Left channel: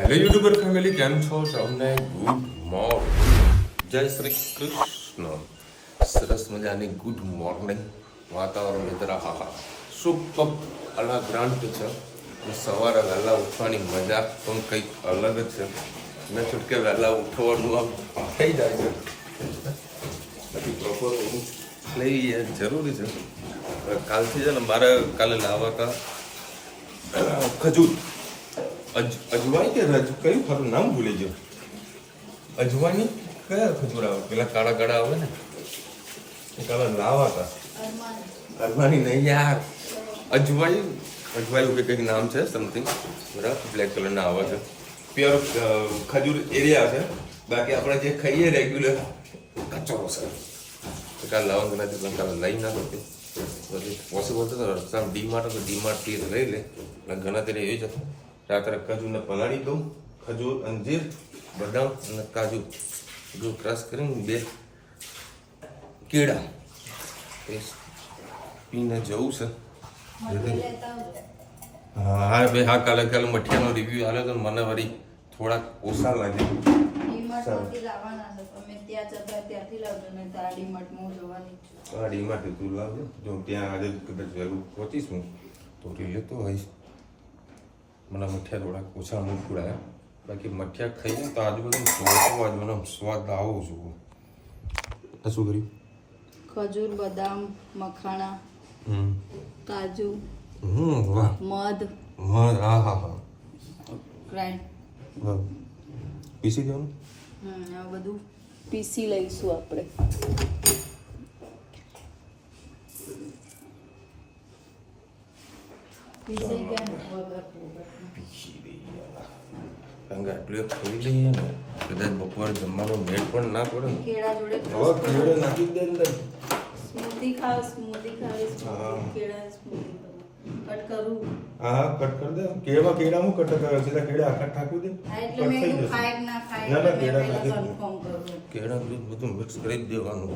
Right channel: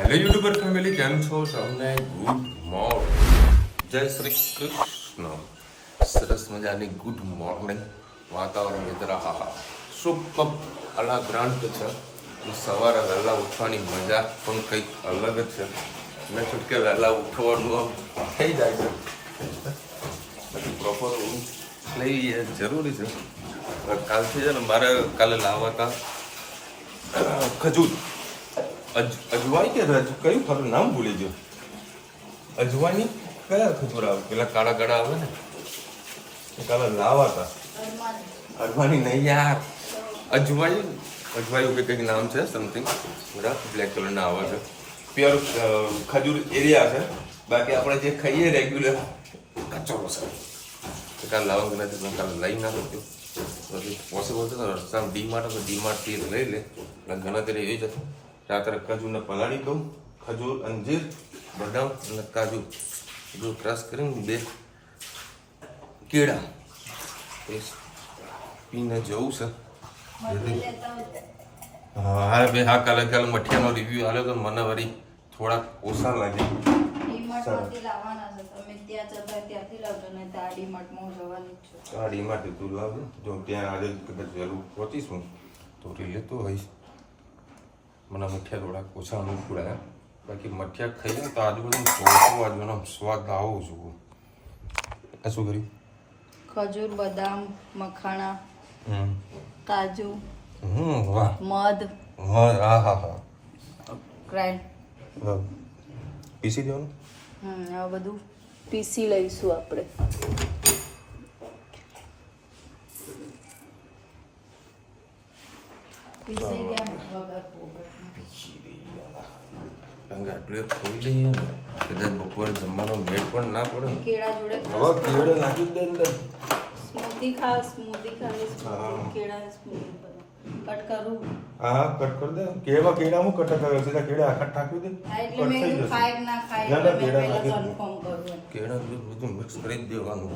Hello YouTuber family, કેમ છો? તમને ગુડ મોર્નિંગ, જય શ્રી કૃષ્ણ. સરસ મજાની ગુડ મોર્નિંગ. વાતાવરણ મિત્ર હા સુપર અલગ્રાન્ટ છે. સવારે વહેલા ઉઠવાની મજા પણ કંઈક અલગ જ છે. મેં છૂટકે વહેલા ઉઠવાનું આમ થઈ જાય છે. બાકી પ્રોપર ઊંઘ લઈ એ જરૂરી છે. કાલથી છે ને મારે કાલે લાવવા હતા ખજૂર. અજવાઈ કે કયું ખરું નામ ભૂલી ગયો. અજવાની કયા ખજૂર આવે? પેલા કાળા કાળા આવે ને, કાલે લાવા હતા. અરવાની નહીં યાર, અજવાયું કે કંઈક નામ છે સમથિંગ. બરાબર, બ્લેક કલરના આવે છે. પ્યોર ખજૂર એરિયા છે. બાકી આપણે જે ખાઈએ રેગ્યુલર કચરો છે. કાલે લાવવાનું નથી, કાલે લઈ ના શકતું. પછી પોસિબલ છે તો રસ્તામાં ડીમાર્ટથી લઈ લે. ઘણા ત્યારે એ જ હતું. રાત્રે ખજૂરને પલાળી દઉં. ખજૂર, અંજીર, બદામ અને કાજુ બધું ક્રશ કરીને 2 કેળા પીને જવું છે. હા બે હા, કાલે મઠિયાનો રિવ્યુ આવ્યો તો મને વળી થોડાક ઓછા લાગે. ડીમાર્ટ તું લાવજો. જો ત્યાં આજે કદાચ જરૂર પહોંચીશું તો લેતો હોઈશ. મને મઠિયા થોડાક ઓછા અનુકૂળ આવ્યા. બાકી મઠિયા ખાઈએ તો આજુબાજુ સ્વાદ આવો જોઈએ. શું કર્યું? ખજૂર, બદામ, મખાણા, કાજુ, વાહ, મધ, હા હા હા, ગ્રાઇન્ડ, પીસી દેવાનું. આ બધું પીસી લઈશું આપણે. કારણ કે આટલું ખાઈ લઈએ ને કદાચ બપોરે જમવાનો મેળ પણ ના પડે ને. કેળા જોડે હવે કેળે નાખી દે અંદર. સ્મૂધી ખાવ, કેળા સ્મૂધી કટ કરું. હા કટ કરી દે. કેળામાં કટ કરે છે. કેળા આખા ઠાકવી દે, એટલે કટ મેં થઈ કીધું જશે. ખાય કે ના ખાય. ના કેળા નાખી દે. કન્ફર્મ કરું. કેળા દૂધ બધું મિક્સ કરી જ દેવાનું.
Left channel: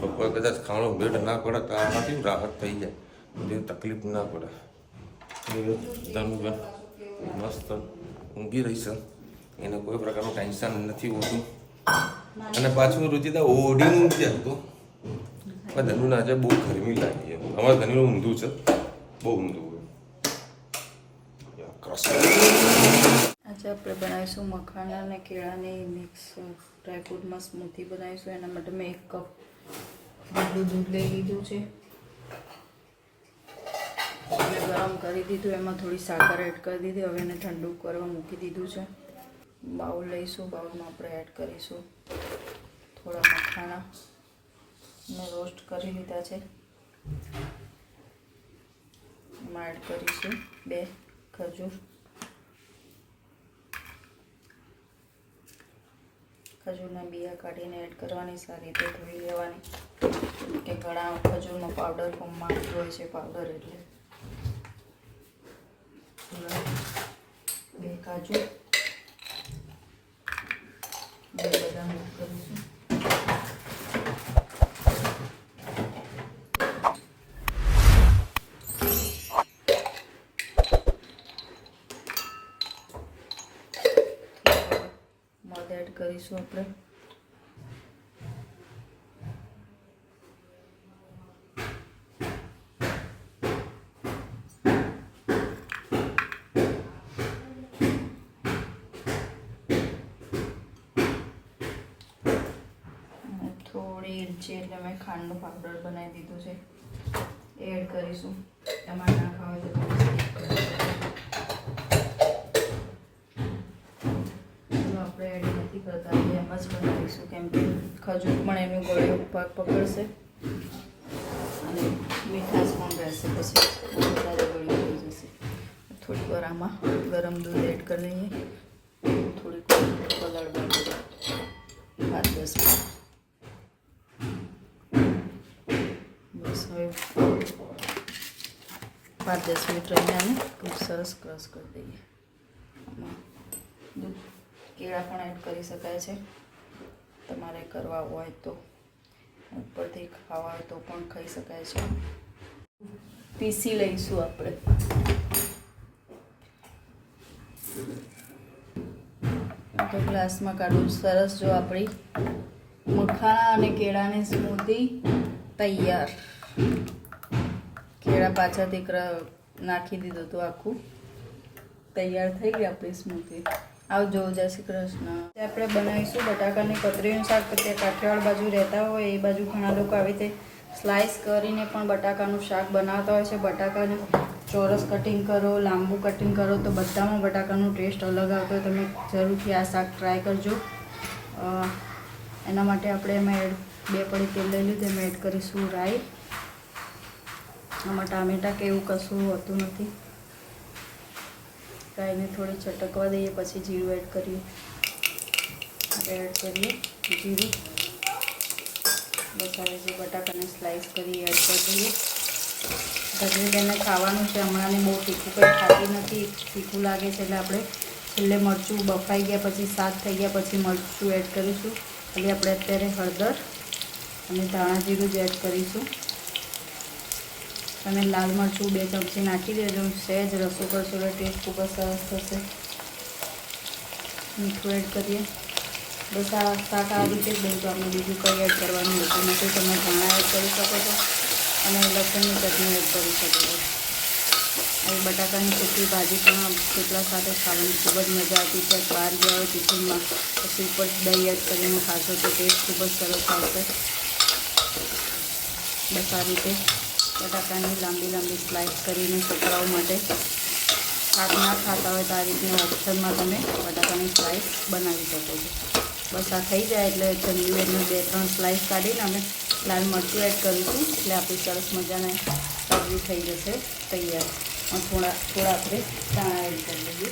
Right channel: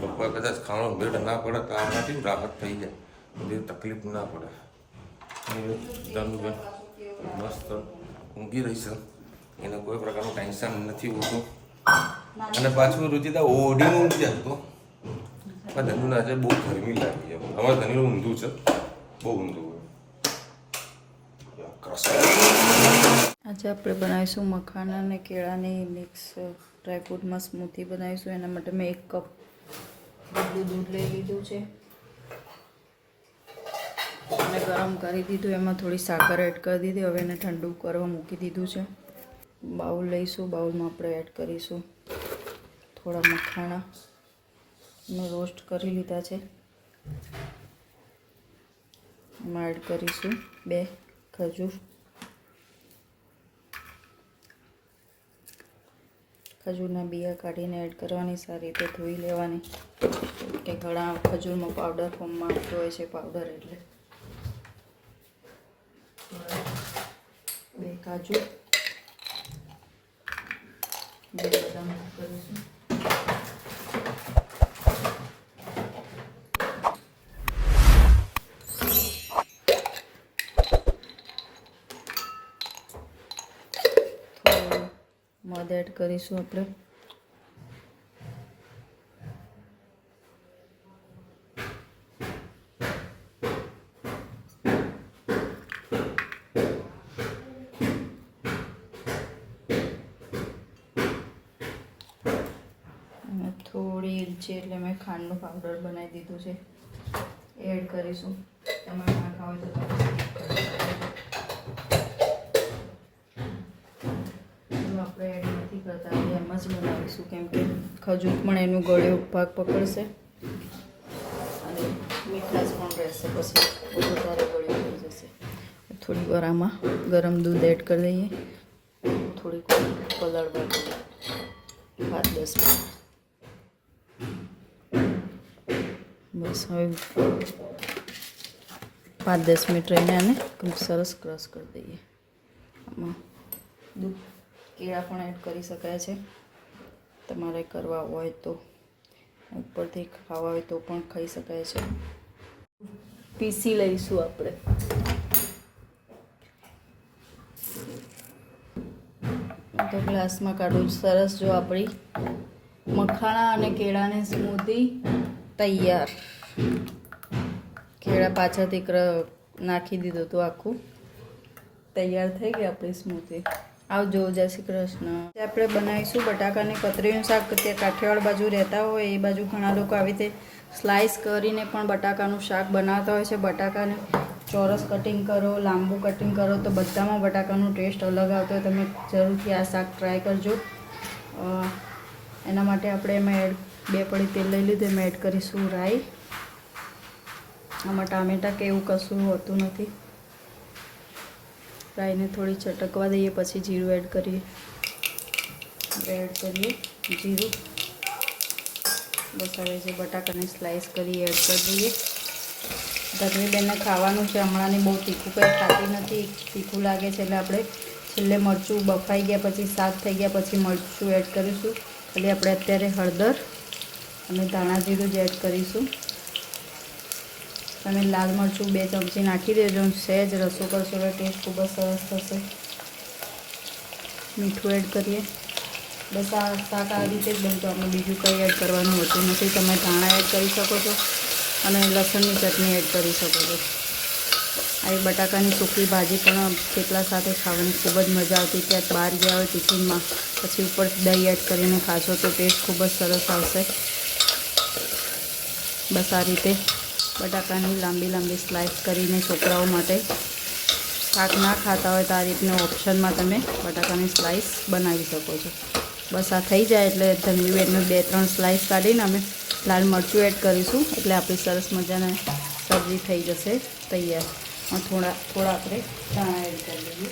બપોરે કદાચ ખાવાનો મેળ ના પડે તો આમાંથી રાહત થઈ જાય, બધી તકલીફ ના પડે. ધનુબેન મસ્ત ઊંઘી રહી છે. એને કોઈ પ્રકારનું ટેન્શન નથી હોતું. અને પાછું રુચિતા ઓઢીને ઊંઘી જાય તો પણ ધનુને આજે બહુ ગરમી લાગી. એમ અમારે ધનુનું ઊંધું છે, બહુ ઊંધું હોય. આજે આપણે બનાવીશું મખાના અને કેળાની મિક્સ ડ્રાયફ્રૂટમાં સ્મૂથી બનાવીશું. એના માટે મેં 1 કપ દૂધ લઈ લીધું છે. મેં ગરમ કરી દીધું, એમાં થોડી સાકર એડ કરી દીધી. હવે એને ઠંડુ કરવા મૂકી દીધું છે. બાઉલ લઈશું, બાઉલમાં આપણે એડ કરીશું થોડા મખાણા મેં રોસ્ટ કરી લીધા છે. એમાં એડ કરીશું 2 ખજૂર. ખજૂરના બિયા કાઢીને એડ કરવાની, સારી રીતે ધોઈ લેવાની. કે ઘણા ખજૂરનો પાવડર ફોર્મમાં આવતો હોય છે પાવડર, એટલે 2 કાજુ, 2 બદામ એડ કરીશું. મધ એડ કરીશું આપણે. થોડી ઇલચી એટલે મેં ખાંડનો પાવડર બનાવી દીધું છે, એડ કરીશું. તમારે ના ખાવ તો તમે આપણે એડ નથી કરતા, એમ જ બનાવીશું. કેમ કે ખજૂર પણ એનું ગળ્યો ભાગ પકડશે અને મીઠાશ પણ રહેશે. પછી વધારે ગળ્યું થઈ જશે. થોડી વાર આમાં ગરમ દૂધ એડ કરી દઈએ. થોડીક પલાળવા 5-10 મિનિટ. બસ હવે 5-10 મિનિટ રહીને આને ખૂબ સરસ ક્રશ કરી દઈએ. આમાં દૂધ કેળા પણ એડ કરી શકાય છે. તમારે કરવા હોય તો, ઉપરથી ખાવા હોય તો પણ ખાઈ શકાય છે. પીસી લઈશું આપણે. તો ગ્લાસમાં કાઢું. સરસ જો આપણી મખાણા અને કેળાની સ્મૂધી તૈયાર. કેળા પાછળથી નાખી દીધું હતું આખું. તૈયાર થઈ ગઈ આપણી સ્મૂધી. આવજો. જય શ્રી કૃષ્ણ. આપણે બનાવીશું બટાકાની કતરીનું શાક. ત્યાં કાઠિયાવાડ બાજુ રહેતા હોય એ બાજુ ઘણા લોકો આવી રીતે સ્લાઇસ કરીને પણ બટાકાનું શાક બનાવતા હોય છે. બટાકાને ચોરસ કટિંગ કરો, લાંબુ કટિંગ કરો તો બધામાં બટાકાનો ટેસ્ટ અલગ આવતો હોય. તમે જરૂરથી આ શાક ટ્રાય કરજો. એના માટે આપણે એમાં 2 પડી તેલ લઈ લીધું. એમાં એડ કરીશું રાઈ. આમાં ટામેટાં કે એવું કશું હોતું નથી. રાઈને થોડી ચટકવા દઈએ, પછી જીરું એડ કરીએ. જીરું. બસ હવે જે બટાકાની સ્લાઇસ કરી એડ કરી દઈએ. ગરમી બેનને ખાવાનું છે. હમણાંની બહુ તીખું કંઈ ખાતી નથી. તીખું લાગે છે એટલે આપણે છેલ્લે મરચું બફાઈ ગયા પછી, શાક થઈ ગયા પછી મરચું એડ કરીશું. એટલે આપણે અત્યારે હળદર અને ધાણા જીરું જ એડ કરીશું. અને લાલ મરચું 2 ચમચી નાખી દેજો. સહેજ રસો કરશો એટલે ટેસ્ટ ખૂબ જ સરસ થશે. મીઠું એડ કરીએ. બસ આ શાક આ રીતે જ બનતું. આપણે બીજું કંઈ એડ કરવાનું હોતું નથી. તમે ધાણા એડ કરી શકો છો અને લસણની ચટણી એડ કરી શકો છો. એ બટાકાની સૂકી ભાજી પણ થેપલા સાથે ખાવાની ખૂબ જ મજા આવતી. ક્યાંક બહાર ગયા હોય ટિફિનમાં, પછી ઉપર દહીં એડ કરીને ખાશો તો ટેસ્ટ ખૂબ જ સરસ આવશે. બસ આ રીતે બટાકાની લાંબી સ્લાઇસ કરીને છોકરાઓ માટે, શાક ના ખાતા હોય તો આ રીતના ઓપ્શનમાં તમે બટાકાની સ્લાઇસ બનાવી શકો છો. બસ આ થઈ જાય એટલે જમવી બેનની 2-3 સ્લાઇસ કાઢીને અમે લાલ મરચું એડ કરીશું. એટલે આપણી સરસ મજાની સબ્જી થઈ જશે તૈયાર. અને થોડા આપણે ધાણા એડ કરી દઈએ.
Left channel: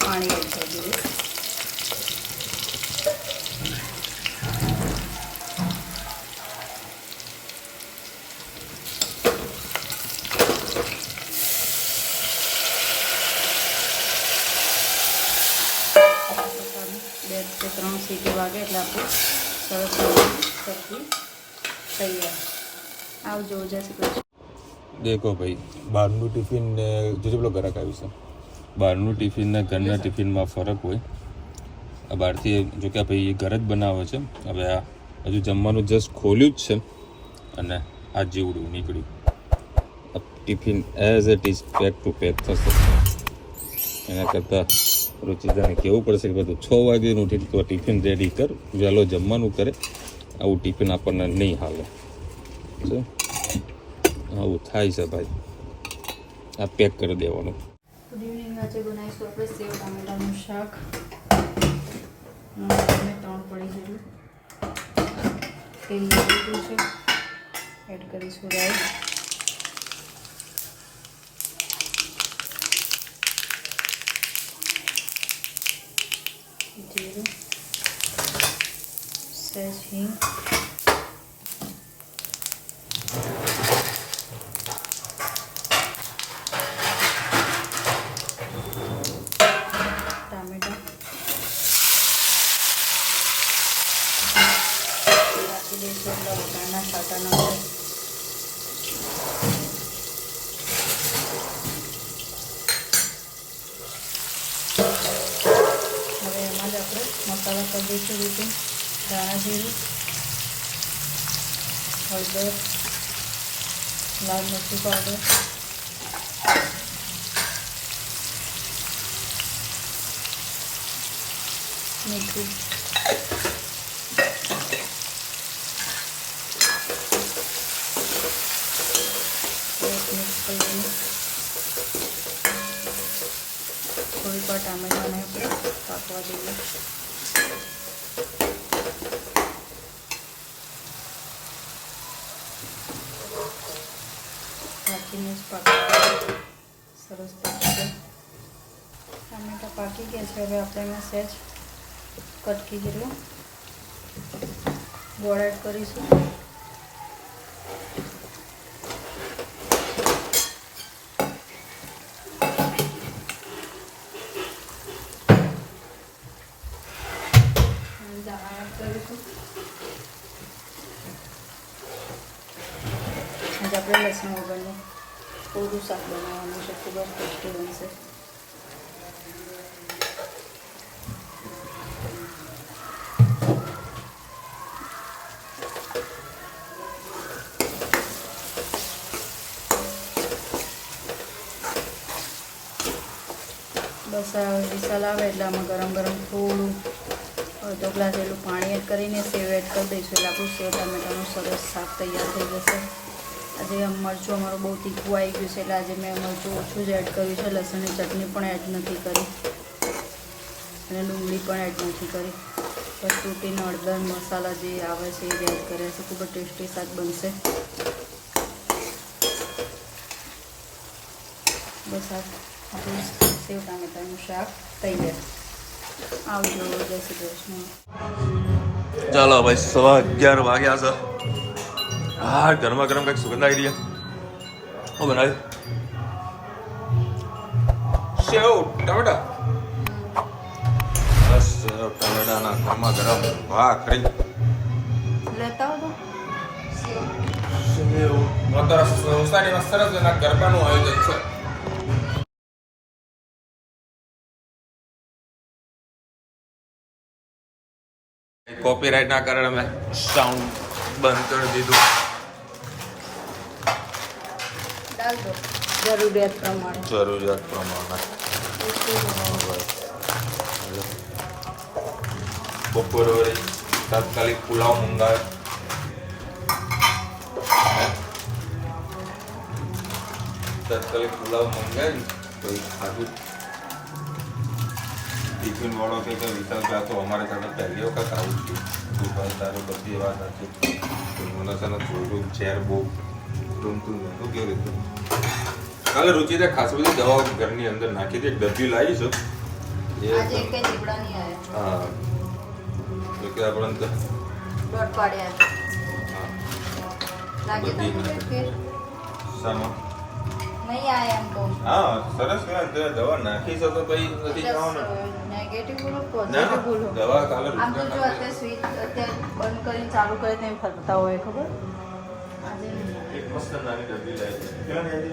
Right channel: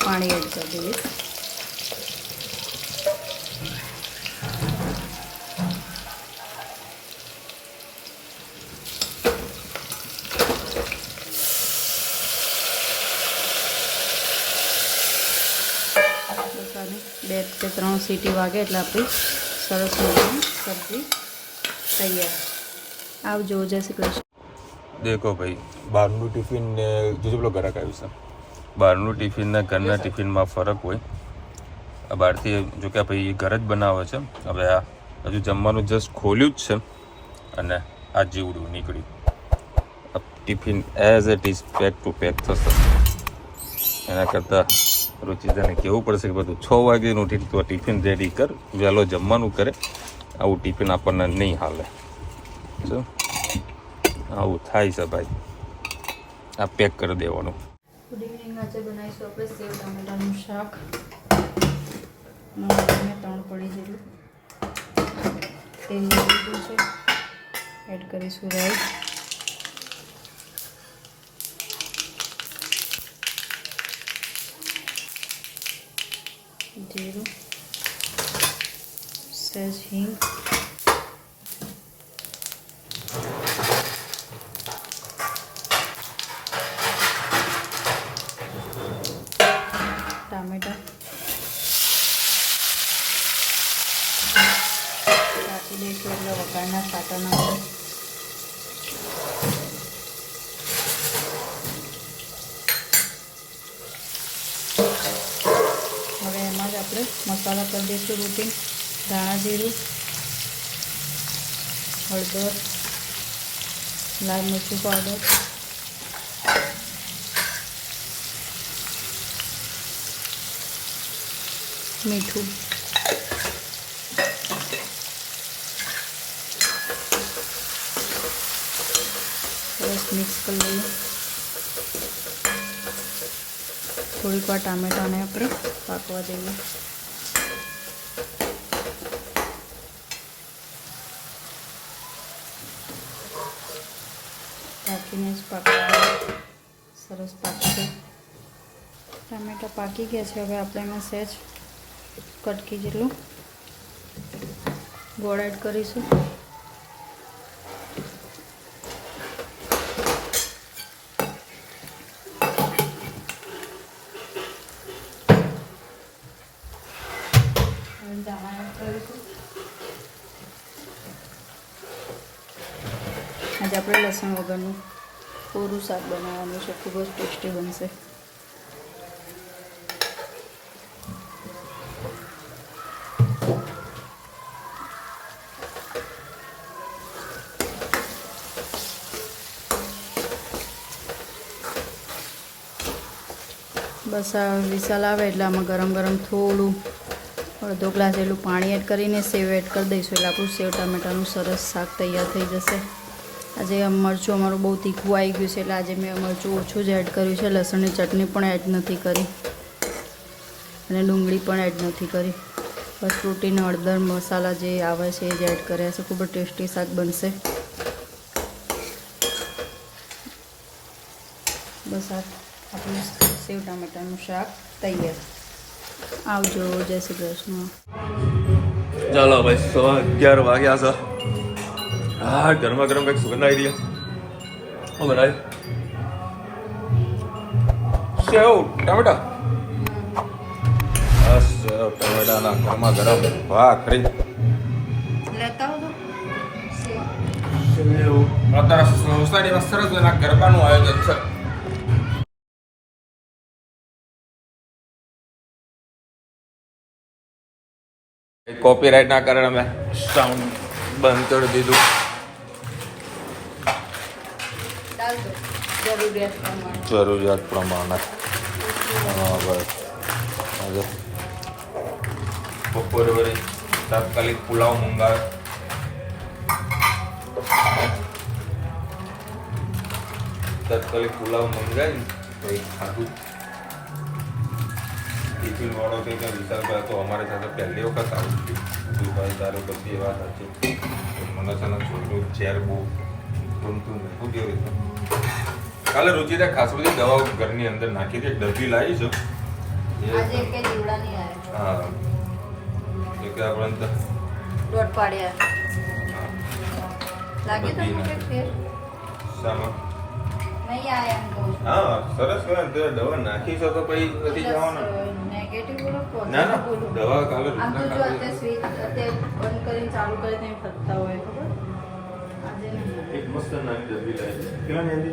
પાણી એડ કરી દઈએ. બે કે 3 સીટી વાગે એટલે આપણી સરસ મજાની સબ્જી તૈયાર. આવજો. જય શ્રી કૃષ્ણ. દેખો ભાઈ, બહારનું ટિફિન ને જોજો પેલો ઘરાક આવ્યું છે. બહારનું ટિફિન ને ઘરના ટિફિનમાં ફરક હોય. આ બહારથી જો કે ભાઈ ઘર જ બનાવે છે. હવે આ હજુ જમવાનું જસ્ટ ખોલ્યું જ છે અને આ જેવડું નીકળ્યું. આ tiffin as it is pack to pack થશે. એના કરતાં રુચિતાને કહેવું પડશે કે બધું 6 વાગ્યાનું ઉઠી તો ટિફિન રેડી કર, વહેલો જમવાનું કરે. આવું ટિફિન આપણને નહીં હાલે. જો આવું થાય છે ભાઈ. આ પેક કરી દેવાનું. Good evening. આજે બનાવીશું આપણે સેવ ટામેટાનું શાક. 3 પડી જેટલું તેલ લીધું છે. એડ કરીશું રાઈ. જીરું, સહેજ હિંગ, ટામેટા નાખી દઈશું એટલે વઘારના છાંટા ના આવે. હવે એમાં જ આપણે મસાલા કરી દઈશું. રૂટી, ધાણા જીરું, હળદર, લાલ મરચું પાવડર, મીઠું, મિક્સ કરી દઈએ. થોડીક વાર ટામેટાને આપણે પાકવા દઈએ. રાખીને જ પાકવા સરસ પાકશે. ટામેટા પાકી ગયા છે. હવે આપણે એમાં સહેજ કટકી જેટલું ગોળ એડ કરીશું. દાણા એડ કરીશું. આજે આપણે લસણ વગરનું કોરું શાક બનાવવાનું છે, ખૂબ જ ટેસ્ટી બનશે. બસ આ વિશાલ આવે એટલે આમાં ગરમ ગરમ થોડું અડધો ગ્લાસ એટલું પાણી એડ કરીને સેવ એડ કરી દઈશું એટલે આપણું સેવ ટામેટાનું સરસ શાક તૈયાર થઈ જશે. આજે મરચું અમારું બહુ તીખું આવી ગયું છે એટલે આજે મેં મરચું ઓછું જ એડ કર્યું છે. લસણની ચટણી પણ એડ નથી કરી અને ડુંગળી પણ એડ નથી કરી. બસ પ્રોટીન હળદર મસાલા જે આવે છે એ જ એડ કર્યા છે. ખૂબ જ ટેસ્ટી શાક બનશે. બસ આપણું સેવ ટામેટાનું શાક તૈયાર. આવજો. જય શ્રી કૃષ્ણ. ચાલો ભાઈ 11:15 વાગ્યા છે. હા, ગરમા ગરમ કંઈક સુગંધ આવી રહી છે. હું બનાવી સેવ ટામેટા. સેવ ટામેટાના ગરમા ગરમ ભાખરી. લેતા આવો સેવ અત્યારે સોસાયટીમાં સરસ મજાના ગરબાનું આયોજન છે. કોપીરાઇટ ના કારણે અમે સાઉન્ડ બંધ કરી દીધું. જરૂરિયાત પ્રમાણે. હા ભાઈ, આજે બપોર વડે તાત્કાલિક પુલાવ મંગાવે. તાત્કાલિક પુલાવ મંગાવી તો ખાધું. ટિફિન વાળો કંઈક વિશાલ તો અમારી સાથે પહેલી વખત આવ્યું છે. દુકાન તારે બધી વાત હતી. મને છે ને થોડું ચેર બહુ ગમતું ને શું કેવી રીતે. કાલે રુચિને ખાસ બધી દવાઓ ઘરની અંદર નાખી હતી. ડબ્બી લાવી છું. હા, એટલે આપણે બધી નાખી. શામાં? હા, સરસ કહેવાય. દવા નાખી છે તો પછી નથી જવાનું. ના, દવા કાલે ચાલુ કરે તેમ ફરતા હોય ખબર. એક મસ્ત નાની ડબ્બી લાવી. ક્યાં લાવી?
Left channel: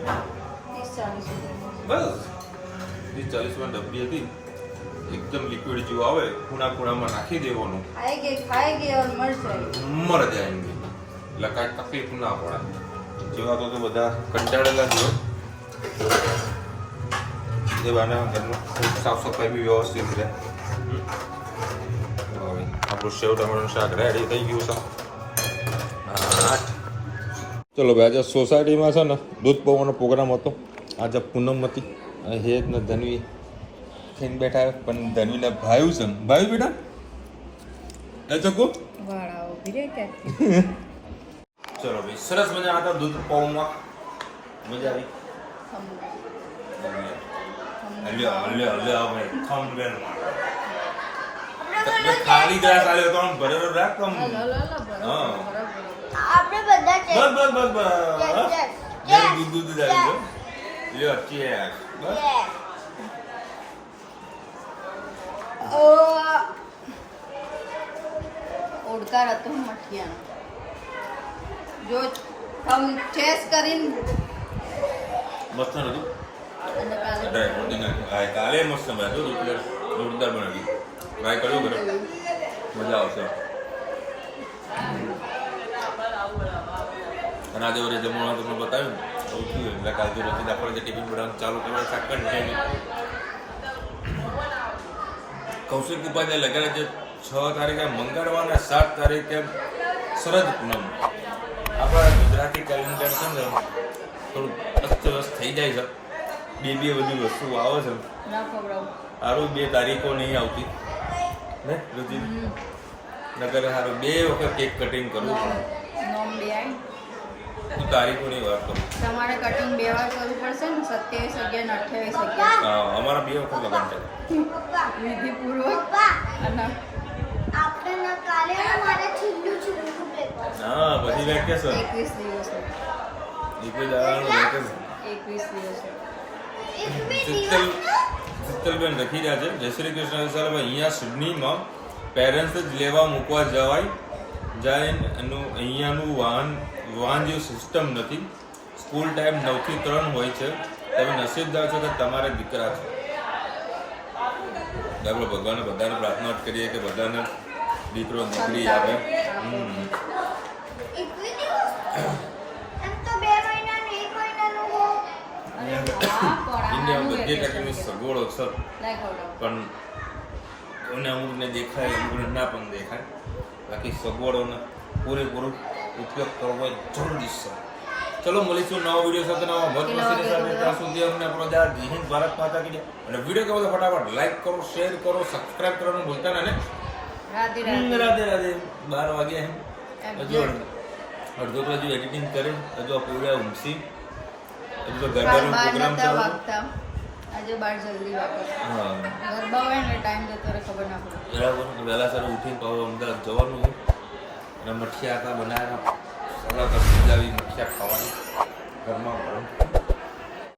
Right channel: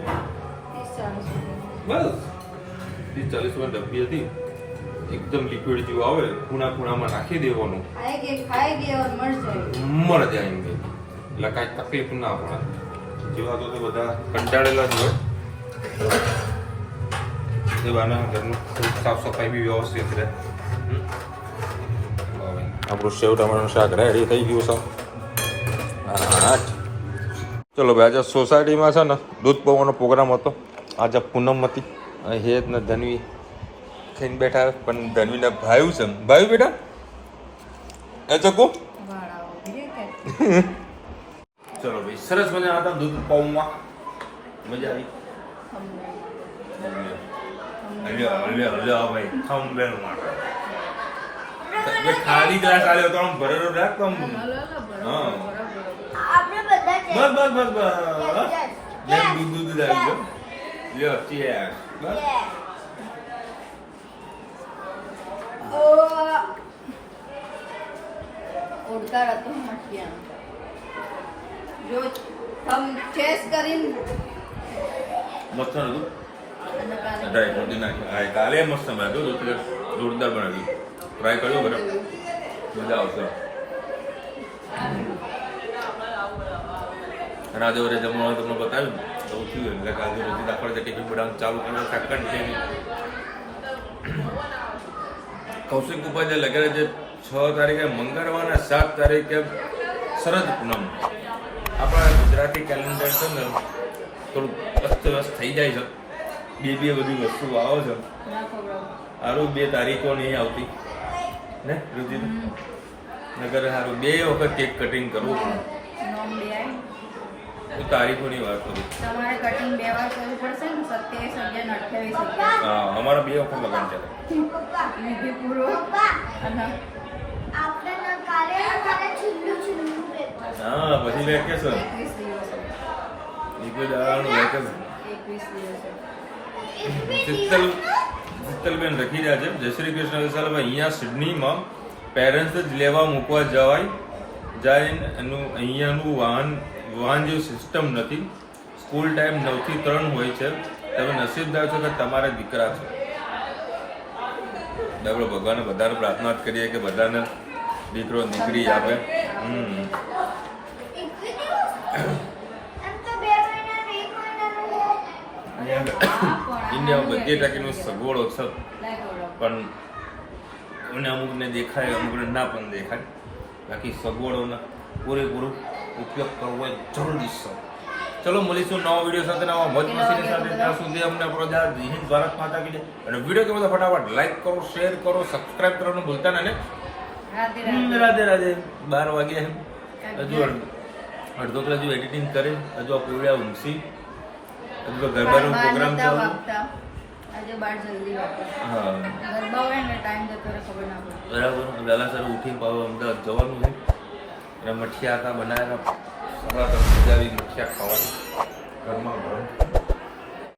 30-40 બસ 30-40 ડબ્બી હતી. એકદમ લિક્વિડ જેવું આવે. ખૂણામાં નાખી દેવાનું. મર જાય એમ એટલે કાંઈ તકલીફ ના પડે. જેવા તો બધા કંટાળેલા જ હોય. એ બાના ઘરનું ખૂબ સાફ સફાઈ બી વ્યવસ્થિત રહે. આપણું સેવ ટામેટાનું શાક રેડી થઈ ગયું છે. 8. ચલો ભાઈ, આજે સોસાયટીમાં છે ને દૂધ પૌવાનો પ્રોગ્રામ હતો. આજે પૂનમ હતી. હેત ને ધનવી થઈને બેઠા. પણ ધનવીના ભાઈ છે. ભાઈ બેટા એ ચકુ. ચલો ભાઈ, સરસ મજા હતા દૂધ પૌમાં. મજા આવી. ભાઈ થંબેલ માટે ખાલી ગ્લાસ આલ્યો તો આમ ભરેલો રાખ તો હા બસ દૂધ આવી ગયો. લ્યો ચેક. બસ ઓડકાર હતું મઠિયાનું. જો તમ ટેસ્ટ કરીને મસ્ત હતું. ડ્રાયફ્રૂટ નાખ્યું. હા, કાલે મસ્ત બનાવ્યું. રોટલી જોરદાર બનાવી. ટ્રાય કર્યું બરાબર. મજા આવશે. અને આજે ઓરે જમવાનું તમને બતાવ્યું તો થયું. એટલે કાલે રોટી દાખવા ટિફિન બનાવવાનું ચાલુ કરવાનું. શાક છે કૌશિક ઉપાધ્યાય લગેલા જે 6 તારીખે મંગળવારના 7 તારીખે શરદ પૂનમ. આપણા ગુજરાતી કેલેન્ડર છે ને થોડું અસ્તવ્યસ્ત થઈ જાય છે. બે બધી વસ્તુ આવે છે. સારું 2 તારીખો નહીં આવતી ને રુચિ. નગર સારું 2 વખત કેક કટિંગ કરવું પડે. હું તારીખોની વાત કરું. તમારે કટિંગ 2 વાર કરવું પડશે ને. 27/11 28/11. હા, અમારા 2 વખત લગન ચાલે. વિધિ પૂર્વક. હા, પછી વેકેશન. 21 દિવસ. 21 દાડાનું વેકેશન. 21 દિવસ. શીતલબેન રખી રહ્યા છે. જય શ્રી કૃષ્ણ વિશાલભાઈ. અહીંયા સિડનીમાં પેરેન્ટ્સ જ લેવા મૂકવા જાય એનું અહીંયાનું વાહન જેવું સિસ્ટમ નથી. સ્કૂલ ટાઈમ 9 થી 3 હોય છે. તમે નસીબદાર છો કે તમારે દીકરા છે. આપણે ભગવાનને બધાને પ્રાર્થના જ કરીએ કે બધાને દીકરો દીકરી આપે. ઇન્ડિયામાં બધી ટકાની સગવડો છે, પણ મને અમુકને દેખાય, અમુકને ના પણ દેખાય. બાકી સગવડોનો પૂરેપૂરું ઉપયોગ કરવો એ જરૂરી છે. ચલો મળીશું નવા વિડીયો સાથે, નવા મોજ મસ્તી સાથે. ત્યાં સુધી અમને આપણો જય હિન્દ, ભારત માતા કી જય. અને વિડીયો કેવો તો ફટાફટ લાઈક કરો, શેર કરો, સબસ્ક્રાઇબ કરવાનું ભૂલતા ના ને. રાધે રાધે. 12 વાગ્યા એમ હજુ અડધો તો હજુ એડિટિંગ કરી, હજુ પૂરા ઊંઘી, હજુ તો ગરબાનો પ્રોગ્રામ ચાલુ. આજે 12 જલ્દી વાગે. હા ગરબા હોય ને ટાઈમ જતો રહે ખબર ના પડે. બરાબર. વહેલા સર ઉઠીને પાછું અમદાવાદ જવાનું છે. અને મઠિયા હતા બનાવ્યા હતા, સવારે મજા આવી મઠિયા ખાવાની ઘરમાં ગરમ.